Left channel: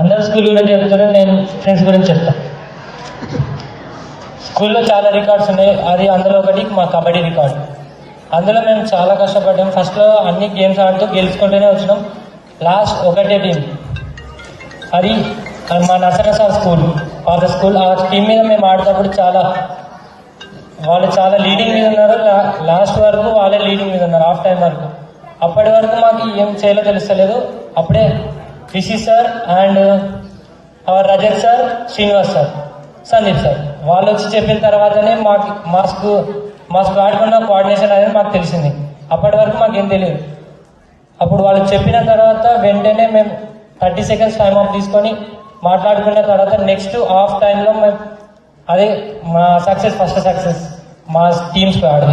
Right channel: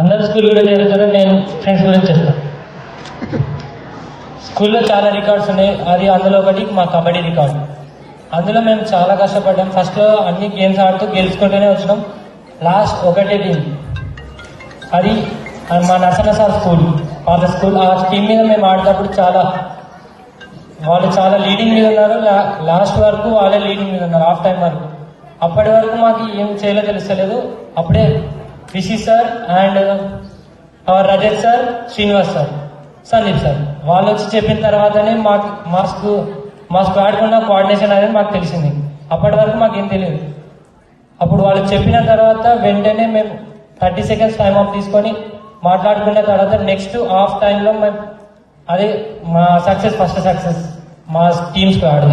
అందరు స్కూల్ గురించి చెప్తారు, నేను ఫ్రెండ్స్ గురించి చెప్తాను. స్కూల్లో చాలా రికార్డ్స్ ఉన్నాయి, అందులో ఒకటి మా కబడ్డీ రికార్డు. అందులో మేము చాలా కష్టపడ్డాం. ఫస్ట్ అన్ని గేమ్స్ ఆడుతూ గెలుచుకుంటూనే వచ్చినాం. లాస్ట్ ఒకటే టీం, అది మా నసరసా స్కూల్, పాత స్కూల్. ఆ టీం మీద మేము ఆడినప్పుడు వాళ్ళు చాలా లీడింగ్ మీద ఉన్నారు. లాస్ట్ వరకు వాళ్ళే లీడింగ్ మీద ఉన్నారు, హాఫ్ టైం వరకు. అప్పటి వరకు మాకు ఏం చేయాలో తెలుస్తలేదు. అప్పుడే Rishi sir and Rajat sir, Srinivas sir, Sandeep sir వాళ్ళు వచ్చి చెప్పిన తర్వాతనే మా స్క్వాడ్కి ఉన్న కోఆర్డినేషన్ అనేది మాకు తెలిసింది. అప్పటి వరకు మాకేం తెలియదు. అప్పుడు వాళ్ళు చెప్పిన తర్వాత వెంటనే మేము 30 seconds టైం అవుట్ తీసుకొని మాట్లాడుకున్న తర్వాత నెక్స్ట్ హాఫ్ టైంలో మేము అదే మా సక్సెస్, ఫస్ట్ సక్సెస్ మా టీమ్ స్క్వాడ్.